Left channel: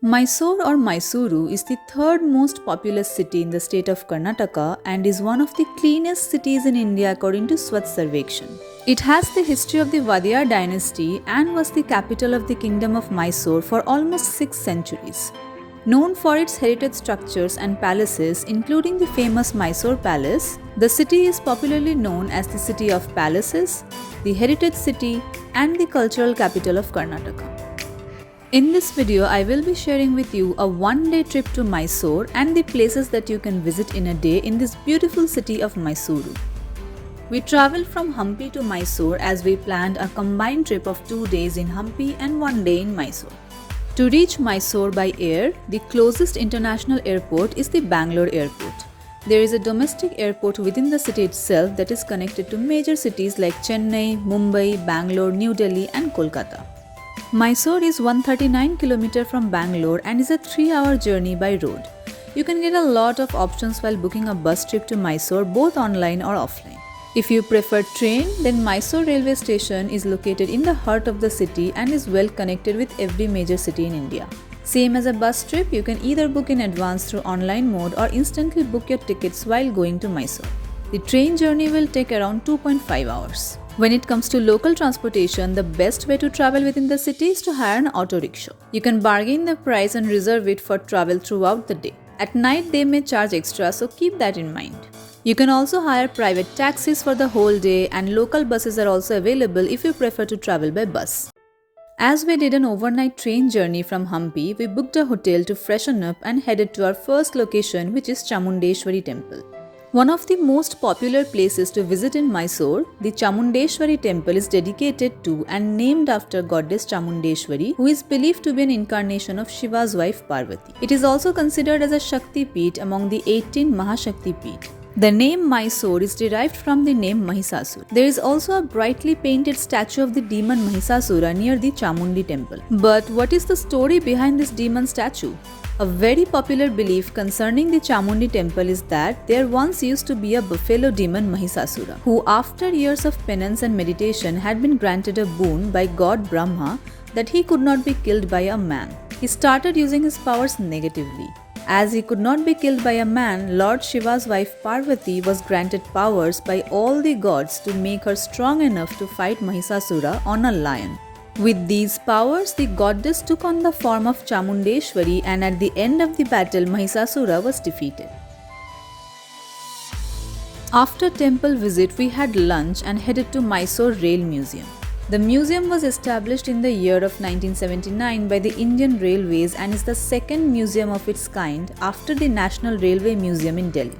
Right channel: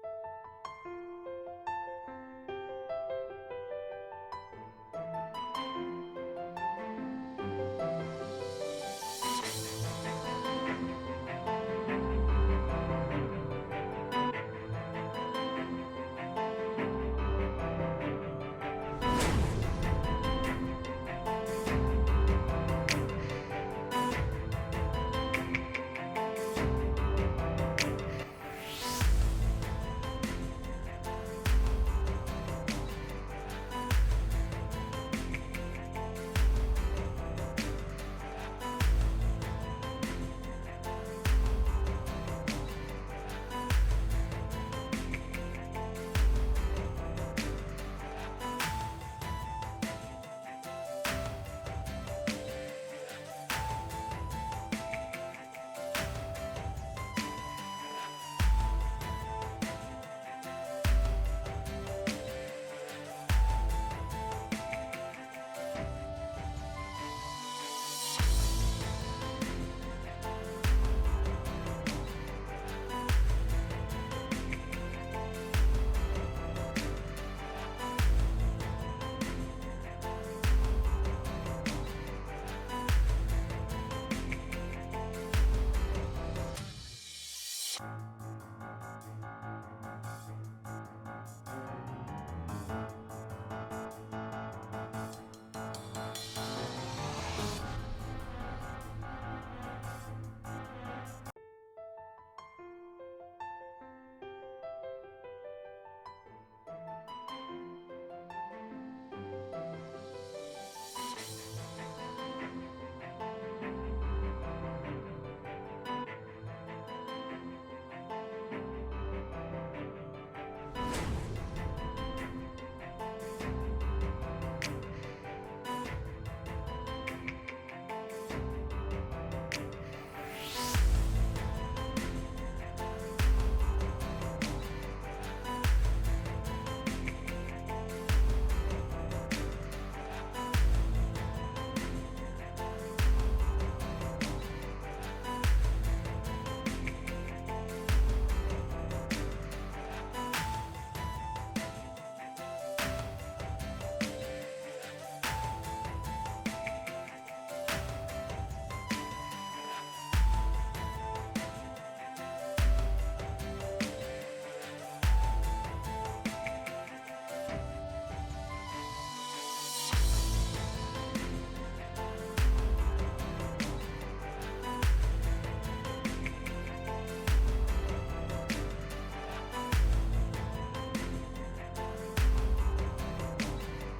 Mysore or Mysuru is the third most populous city in the state of Karnataka and is one of the cleanest cities in India according to Swachh Sarvekshan. It has the history of the Vadiyar dynasty and was the capital of the kingdom of Mysore for almost 6 centuries. Known for its heritage structures and palaces, including the famous Mysore Palace, the city is popularly known as the City of Palaces, the Heritage City, and the cultural capital of Karnataka. In this video, I will be sharing with you a one-day trip to Mysore and the places that you can visit in a day in this beautiful city of Mysuru. We travelled from Hampi to Mysore as we planned a combined trip of 2 days in Hampi and 1 day in Mysore. To reach Mysore by air, the closest international airport is the Bangalore airport. There is a domestic airport within the city itself that is connected to major cities like Chennai, Mumbai, Bangalore, New Delhi and Kolkata. Mysore is 139 km from Bangalore and is a 3-hour journey by road. You can get a lot of options while booking a bus trip to Mysore both online or offline. If you prefer train, then Mysore railway station is located in the heart of the city and is well connected with every major city in India. Same as a bus trip, you can either book in advance through online mode or instantly book your tickets while going to Mysore. The train journey will take around 2.5 hours. When it comes to local transportation, the best way to travel within the city is to hire an auto rickshaw. You can bargain the price and reserve it for travel throughout the day. At night, they may charge extra, so keep that in mind. You can also hire private taxis for the whole day, and local buses are also available if you prefer to travel by bus. As we did an overnight train journey from Hampi, we booked a hotel to freshen up and headed to our first location, which is Chamundeshwari Temple. One of the most popular places to visit in Mysore, the Chamundeshwari Temple is dedicated to and named after goddess Chamundeshwari, who is believed to be an incarnation of Shiva's wife Parvati. It is also considered as a Shakti Peeth among the 18 Mahashakti Peeth. The name Mysore is derived from the name Mahishasura. There is also a brightly painted statue of the demon Mahishasura near the Chamundi temple. But what is the story behind this demon statue? A very popular belief concerning the Chamundi temple is that there once used to be a buffalo demon Mahishasura, who after years of penance and meditation had been granted a boon by God Brahma that he could not be killed by a man. He started using his powers negatively. As he could not be killed by a man, Lord Shiva's wife Parvati was granted powers by all the gods to make her strong enough to fight Mahishasura on a lion. With these powers, the goddess took on the form of Chamundeshwari, and at the end of the battle, Mahishasura was defeated. After temple visit, we had lunch and headed to Mysore Rail Museum. The museum was established in the year of 1979 by the Indian Railways and is the second museum of its kind after the National Railway Museum in Delhi.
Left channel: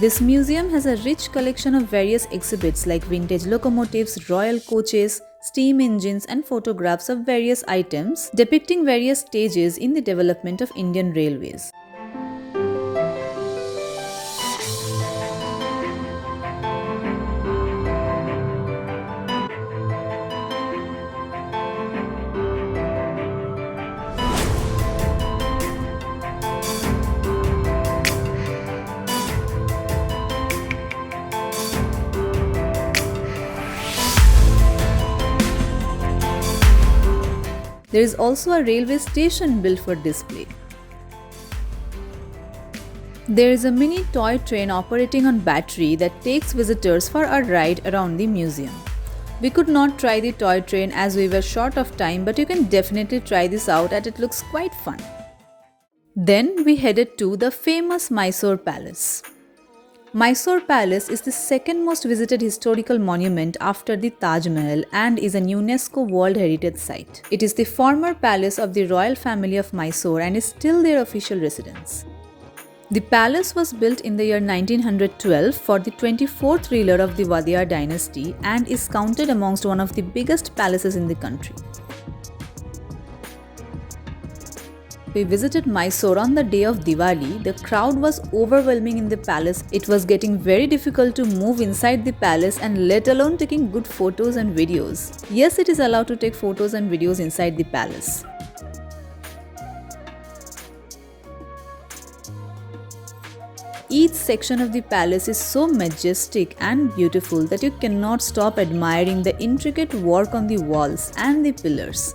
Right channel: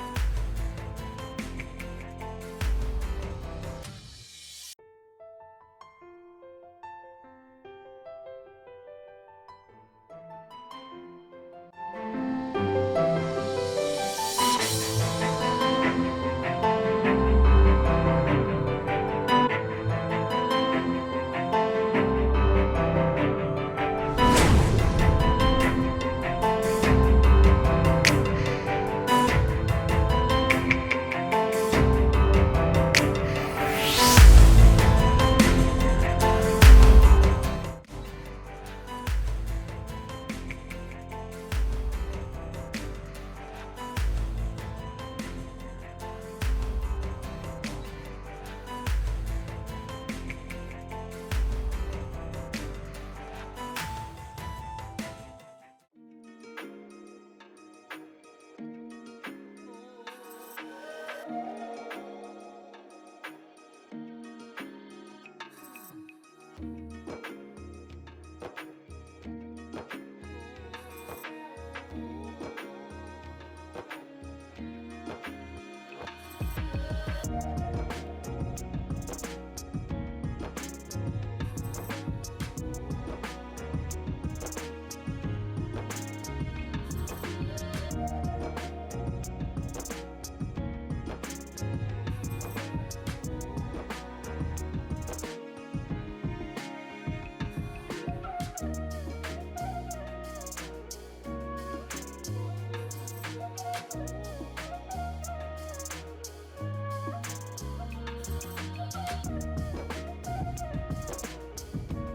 This museum has a rich collection of various exhibits like vintage locomotives, royal coaches, steam engines and photographs of various items depicting various stages in the development of Indian Railways. There is also a railway station built for display. There is a mini toy train operating on battery that takes visitors for a ride around the museum. We could not try the toy train as we were short of time, but you can definitely try this out as it looks quite fun. Then we headed to the famous Mysore Palace. Mysore Palace is the second most visited historical monument after the Taj Mahal and is a UNESCO World Heritage Site. It is the former palace of the royal family of Mysore and is still their official residence. The palace was built in the year 1912 for the 24th ruler of the Vadiyar dynasty and is counted amongst one of the biggest palaces in the country. We visited Mysore on the day of Diwali. The crowd was overwhelming in the palace. It was getting very difficult to move inside the palace and let alone taking good photos and videos. Yes, it is allowed to take photos and videos inside the palace. Each section of the palace is so majestic and beautiful that you cannot stop admiring the intricate work on the walls and the pillars.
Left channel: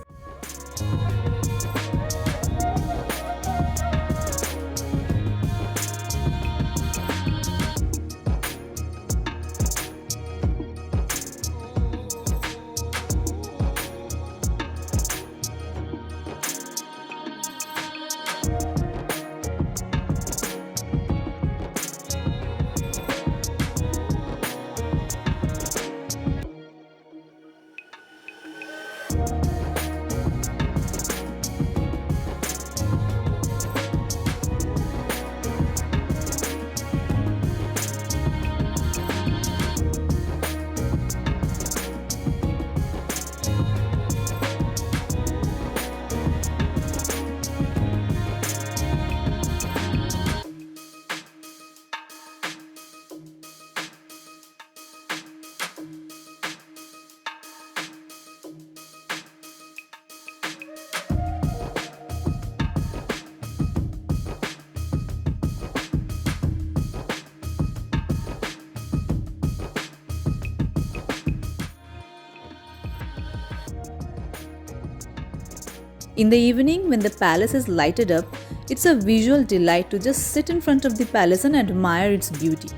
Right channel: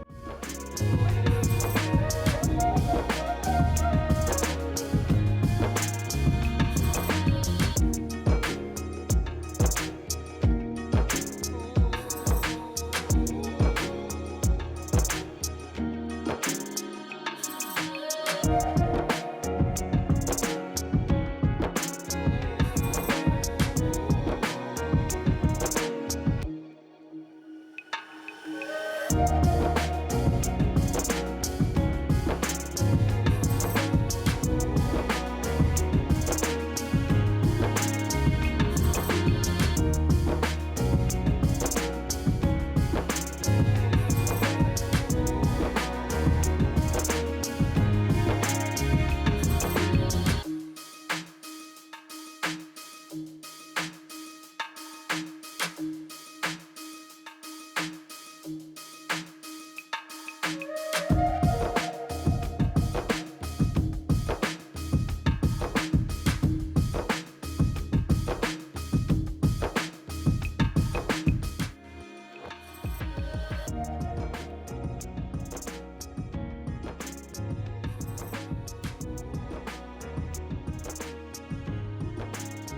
In the evening, when the palace is lighted up, it's a visual delight to just sit in front of the palace and admire its beauty.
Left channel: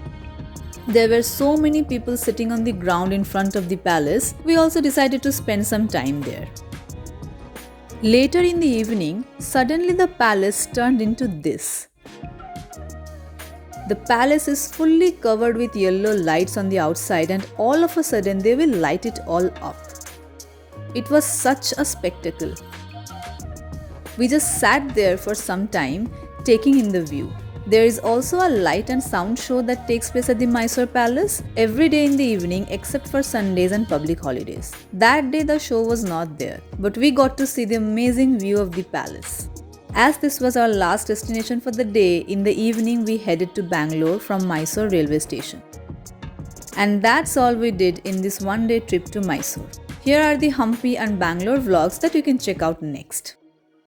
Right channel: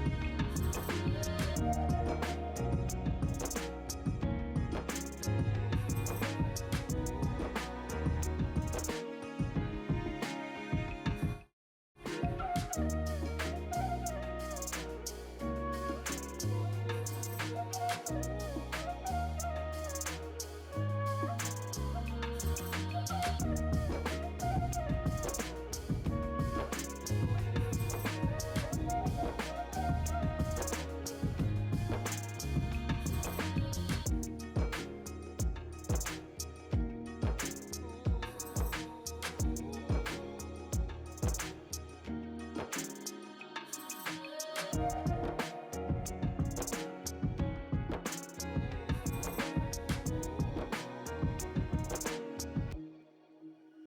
There were so many people sitting on the ground in front of the palace, we also decided to spend some time there. Later in the evening, suddenly the palace turned into this. The palace is fully covered with yellow lights on the outside, and all of a sudden they will light it all up. It was such a spectacle. We just sat there for some time, taking in the view. There is also a light and sound show that takes place at the Mysore Palace every day in the evening except for Sundays and public holidays. That day the show was not there, but we got to see the amazing view of the palace. As this was our last destination for the day, in the evening we headed to Bangalore from Mysore railway station. And that's all we did in this one-day trip to Mysore. Here are the Hampi and Bangalore vlogs that you can check out next.